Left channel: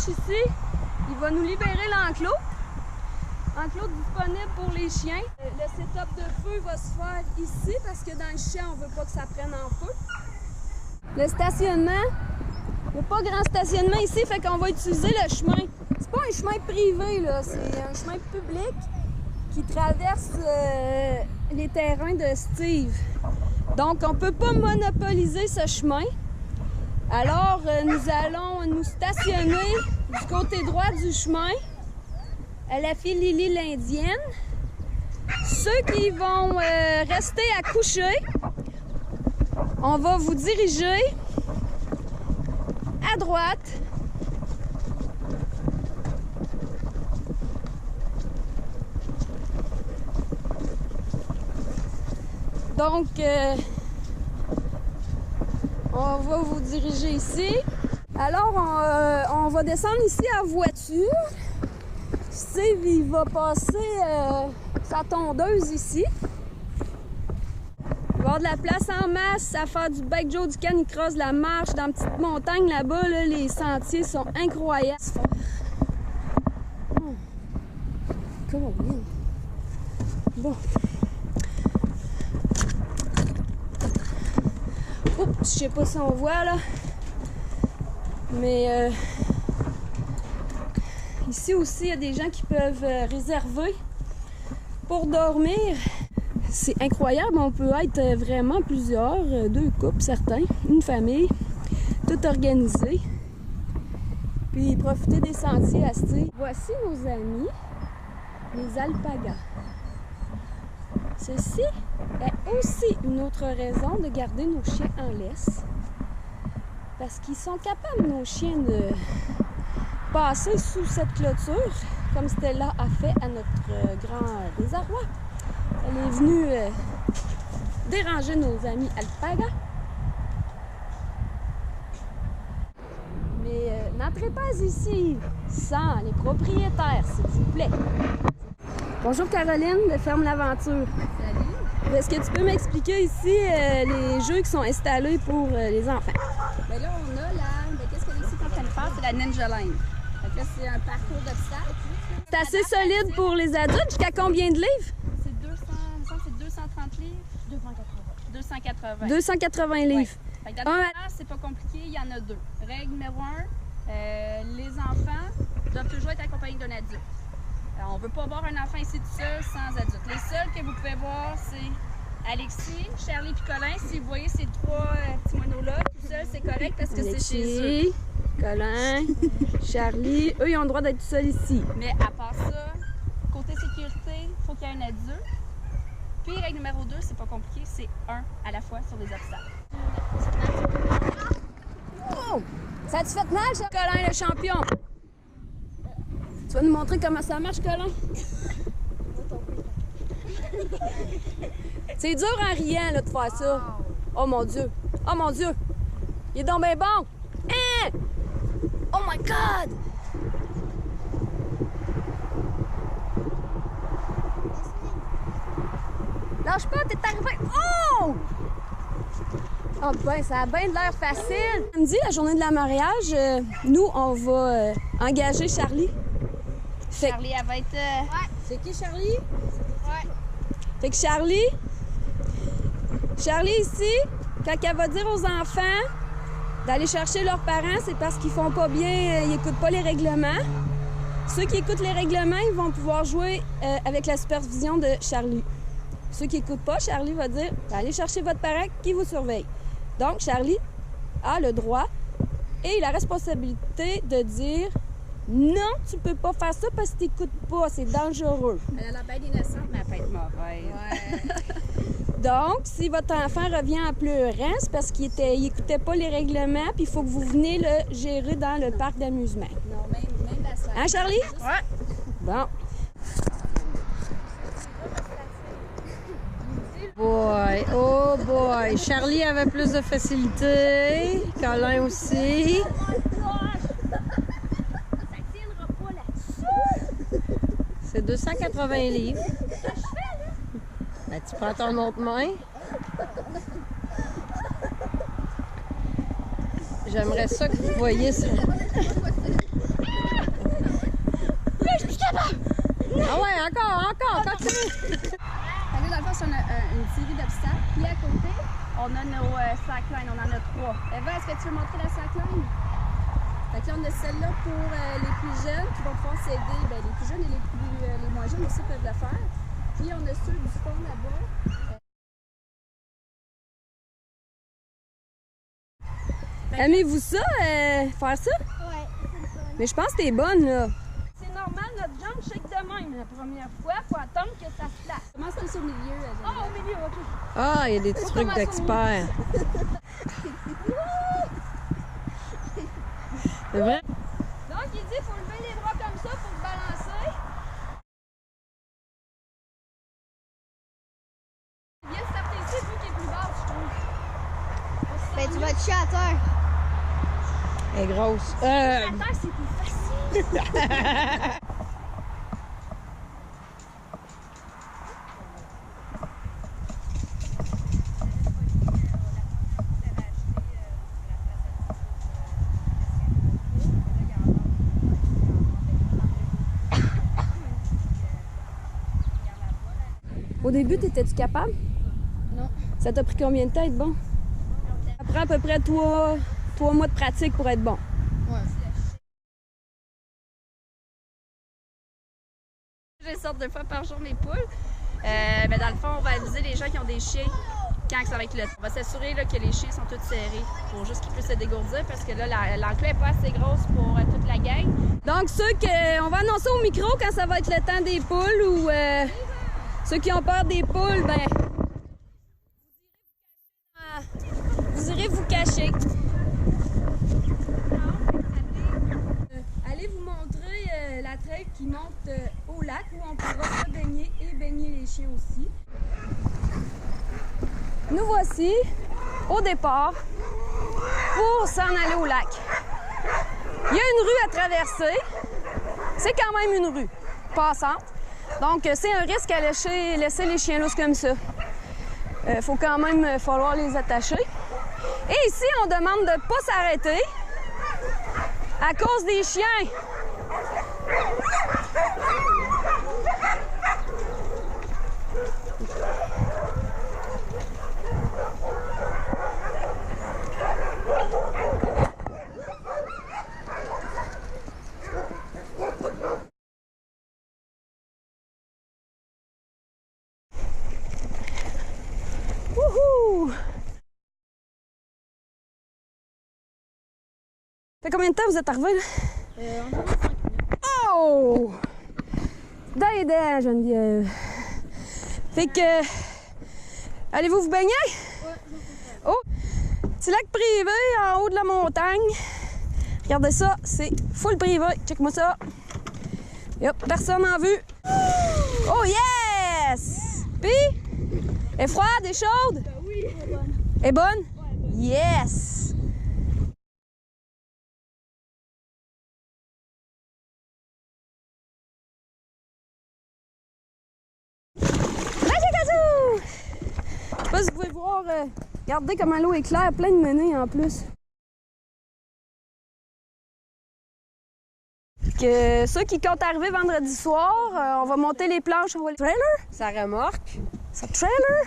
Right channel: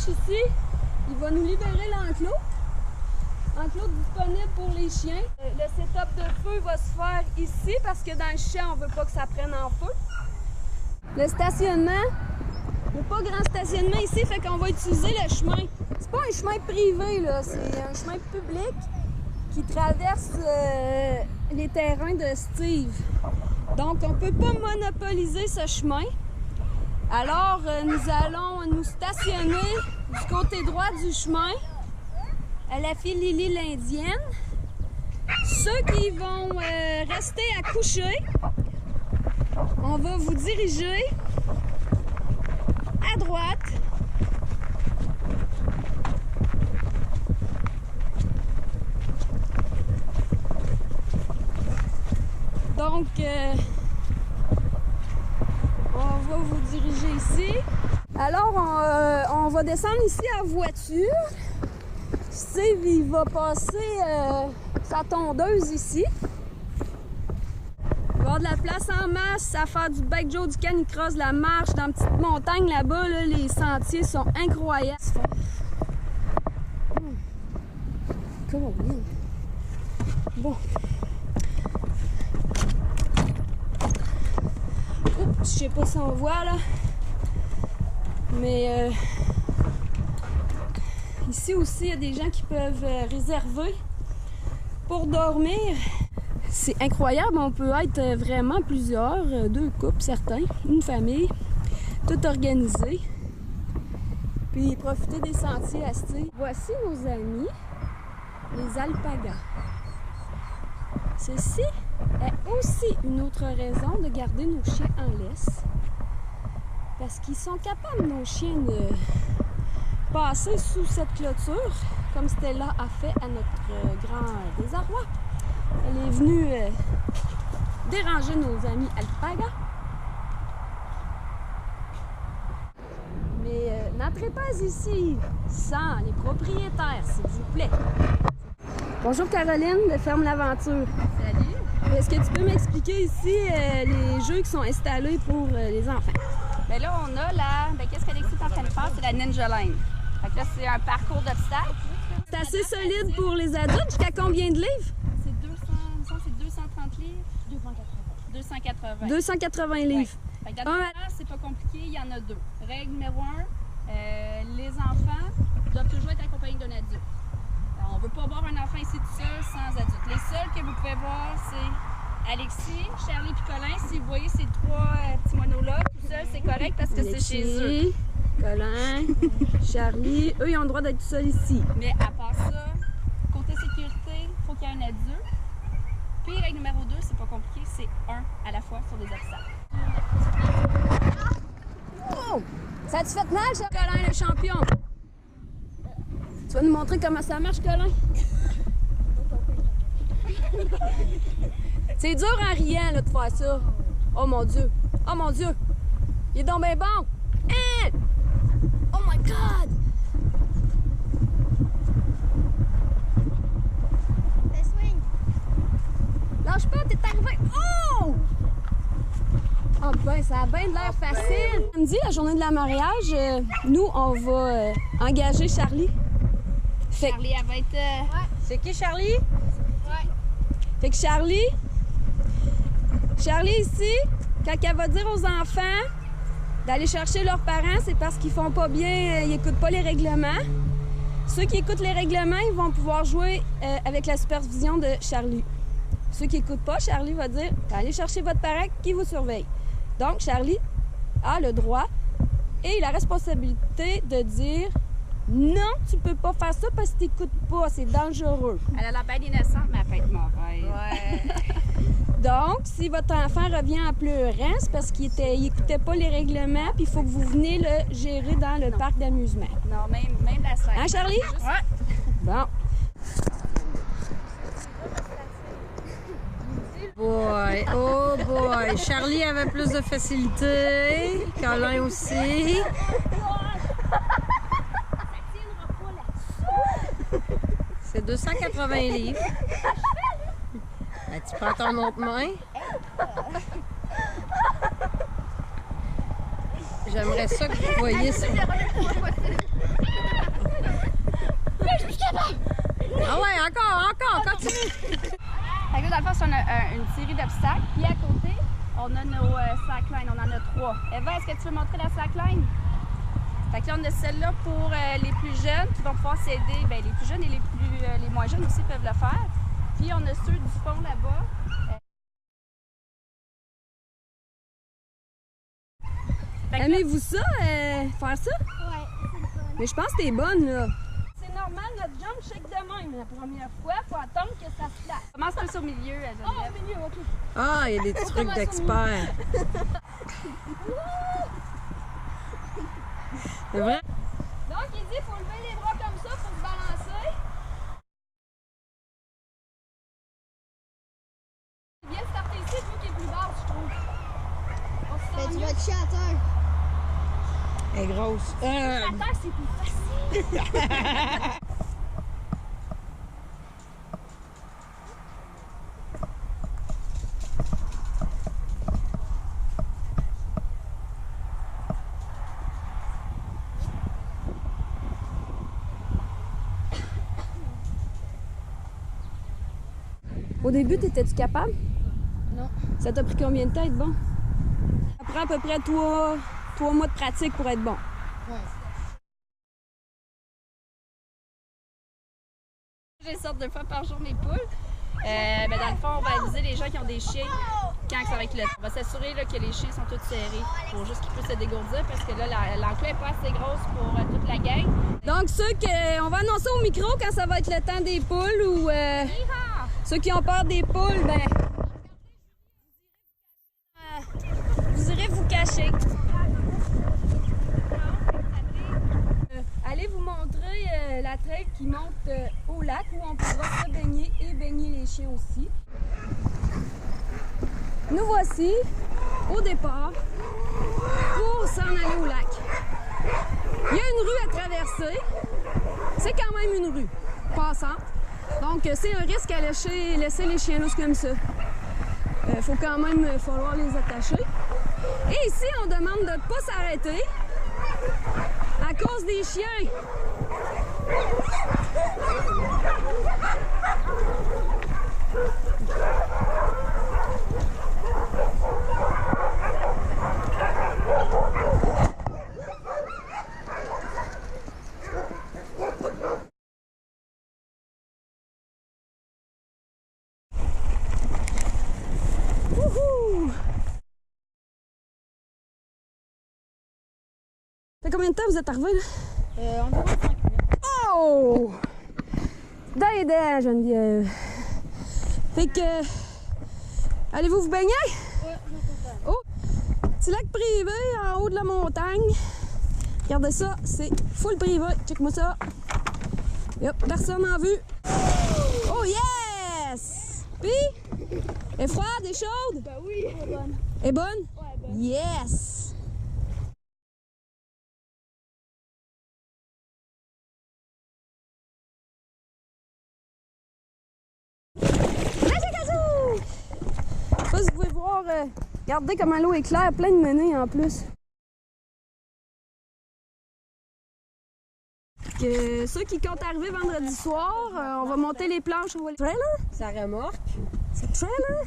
gauche ici, il va nous libérer l'enclos. Enclos disponible pour les chiens. Le setup de feu va se faire ici parce que dans le champ, on ne veut pas que ça prenne en feu. Le stationnement, il n'y a pas grand stationnement ici, fait qu'on va utiliser le chemin. C'est pas un chemin privé, là, c'est un chemin public qui traverse les terrains de Steve. Donc, on ne peut pas monopoliser ce chemin. Alors, nous allons nous stationner du côté droit du chemin à la file Lily l'Indienne. Ceux qui vont rester à coucher, on va vous diriger à droite. Donc, on va vous diriger ici. Alors, on va descendre ici à voiture. Steve, il va passer sa tondeuse ici. Il va y avoir de la place en masse à faire du bike Joe, du canicross, de la marche dans une petite montagne là-bas. Là, les sentiers sont incroyables. Comment bien. Bon. Oups, je sais pas si on voit là. Mais ici aussi, il y a des gens qui peuvent réserver pour dormir. C'est incroyable, on peut être vraiment plusieurs, 2 couples certains, une famille, tout organisé. Puis profiter des sentiers à Steve. Voici nos amis, les alpagas. Ceci est aussi une autre raison de garder nos chiens en laisse. Parce qu'ils sont capables, nos chiens, de passer sous cette clôture, comme Stella a fait à notre grand désarroi. Elle est venue déranger nos amis alpagas. Mais n'entrez pas ici sans les propriétaires, s'il vous plaît. Bonjour Caroline de Ferme l'Aventure. Salut. Est-ce que tu peux m'expliquer ici les jeux qui sont installés pour les enfants? Bien là, on a qu'est-ce qu'Alexis est en train de faire? C'est la Ninja Line. Fait que là, c'est un parcours d'obstacles. C'est assez solide pour les adultes. Jusqu'à combien de livres? C'est 230 livres. 280. 280 livres. Ouais. Fait que dans le c'est pas compliqué, il y en a 2. Règle numéro 1, les enfants doivent toujours être accompagnés d'un adulte. Alors, on ne veut pas voir un enfant ici tout seul sans adulte. Les seuls que vous pouvez voir, c'est Alexis, Charlie et Colin. Si vous voyez ces 3 petits monos-là, tout seul, c'est correct parce que c'est chez eux. Colin, Charlie, eux, ils ont le droit d'être tout seuls ici. Mais à part ça, côté sécurité, il faut qu'il y ait un adulte. Puis, règle numéro 2, c'est pas compliqué, c'est 1 à la fois sur les obstacles. Oh! Ça a-tu fait mal, ça? Colin, le champion! Tu vas nous montrer comment ça marche, Colin? C'est dur en riant là, de faire ça. Oh mon Dieu! Oh mon Dieu! Il est donc bien bon! Hein? Oh my God! Lâche pas, t'es arrivé! Oh! Ah ben, ça a bien de l'air facile! Samedi, la journée de la mariage, nous, on va engager Charlie. Charlie, elle va être... Ouais. C'est qui, Charlie? Ouais. Fait que Charlie ici, quand elle va dire aux enfants d'aller chercher leurs parents, c'est parce qu'ils font pas bien, ils écoutent pas les règlements. Ceux qui écoutent les règlements, ils vont pouvoir jouer avec la supervision de Charlie. Ceux qui n'écoutent pas, Charlie va dire « Allez chercher votre parent qui vous surveille ». Donc, Charlie a le droit et la responsabilité de dire « Non, tu peux pas faire ça parce que tu n'écoutes pas, c'est dangereux. » Elle a l'air bien innocente, mais elle peut être mauvaise. Ouais. Donc, si votre enfant revient en pleurant, c'est parce qu'il n'écoutait pas les règlements, puis il faut que vous venez le gérer dans le parc d'amusement. Non, même la scène. Hein, Charlie? Ouais. Bon. Boy, oh boy. Charlie avait plus de facilité. Colin aussi. C'est 280 livres. Ben, tu prends ton autre main. J'aimerais ça que vous voyiez ça. Je suis capable! Ah ouais, encore, continue! Fait que là, dans le fond, c'est une série d'obstacles. Puis à côté, on a nos slacklines. On en a 3. Eva, est-ce que tu veux montrer la slackline? Fait que là, on a celle-là pour les plus jeunes qui vont pouvoir s'aider. Bien, les plus jeunes et les moins jeunes aussi peuvent le faire. Puis on a ceux du fond là-bas. Aimez-vous ça, faire ça? Ouais, c'est le fun. Mais je pense que t'es bonne, là. C'est normal, notre jambe shake de même la première fois. Faut attendre que ça se place. Commence plus au milieu. Oh, au milieu, OK. Ah, il y a des trucs d'experts. C'est vrai? Donc, il dit faut lever les bras comme ça pour se balancer. Bien starter ici, vu qu'il est plus bas, je trouve. On se Ben, sent tu mieux. vas te chier à terre. Elle est grosse. À terre, c'est plus facile. Au début, t'étais-tu capable? Non. Ça t'a pris combien de temps être bon? Ça prend à peu près 3 mois de pratique pour être bon. Ouais. Je les sorte 2 fois par jour mes poules. Mais dans le fond, on va aviser les gens qui ont des chiens quand ça va être le temps. On va s'assurer là, que les chiens sont tous serrés pour juste qu'ils puissent se dégourdir parce que là, l'enclos n'est pas assez grosse pour toute la gang. Donc, on va annoncer au micro quand ça va être le temps des poules ou ceux qui ont peur des poules, ben vous irez vous cacher. Allez vous montrer la trail qui monte au lac où on pourra se baigner et baigner les chiens aussi. Nous voici au départ pour s'en aller au lac. Il y a une rue à traverser. C'est quand même une rue passante. Donc, c'est un risque à laisser les chiens lousses comme ça. Faut quand même falloir les attacher. Et ici, on demande de ne pas s'arrêter à cause des chiens. Wouhou! Ça fait combien de temps vous êtes arrivés, là? Environ 5 minutes. Oh! D'aide, Geneviève. Fait que... Allez-vous vous baigner? Ouais, non, c'est ça. Oh! Petit lac privé en haut de la montagne. Regardez ça, c'est full privé. Check-moi ça. Yep, personne en vue. Oh yes! Puis, elle est froide, elle est chaude? Ben oui, elle est bonne. Elle est bonne? Ouais, elle est bonne. Yes! Magic-Azou! Je sais pas si vous pouvez voir, regardez comment l'eau est claire, plein de menées en plus. Que ceux qui comptent arriver vendredi soir, on va monter les planches, on va les... Trailer? Ça remorque. Ça trailer?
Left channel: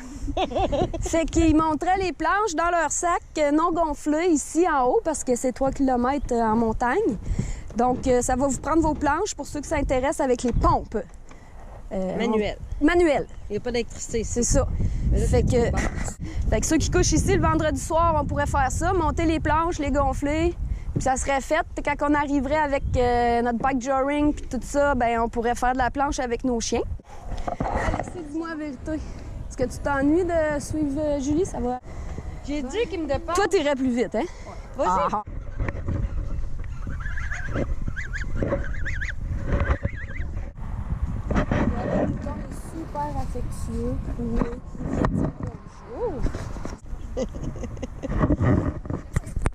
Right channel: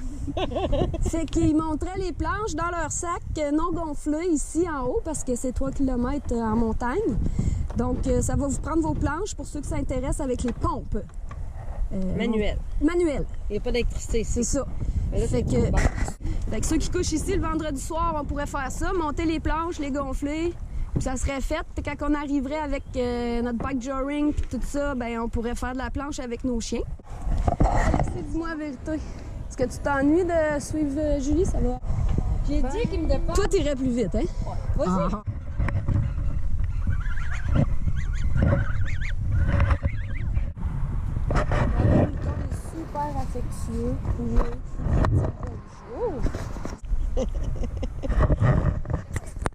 Fait qu'ils monteraient les planches dans leur sac non gonflé ici en haut parce que c'est 3 km en montagne. Donc, ça va vous prendre vos planches pour ceux qui s'intéressent avec les pompes. Manuel. Manuel, Il n'y a pas d'électricité ici. c'est ça. Mais là, Fait c'est que, bon. fait que ceux qui couchent ici le vendredi soir, on pourrait faire ça, monter les planches, les gonfler, puis ça serait fait. Quand on arriverait avec notre bike joring puis tout ça, ben on pourrait faire de la planche avec nos chiens. Alexis, dis-moi la vérité. Est-ce que tu t'ennuies de suivre Julie? Ça va? J'ai dit qu'il me dépasse. Toi, t'irais plus vite, hein? Vas-y. Ah. Regardez, le mouton est super affectueux. Oui, il vient dire bonjour.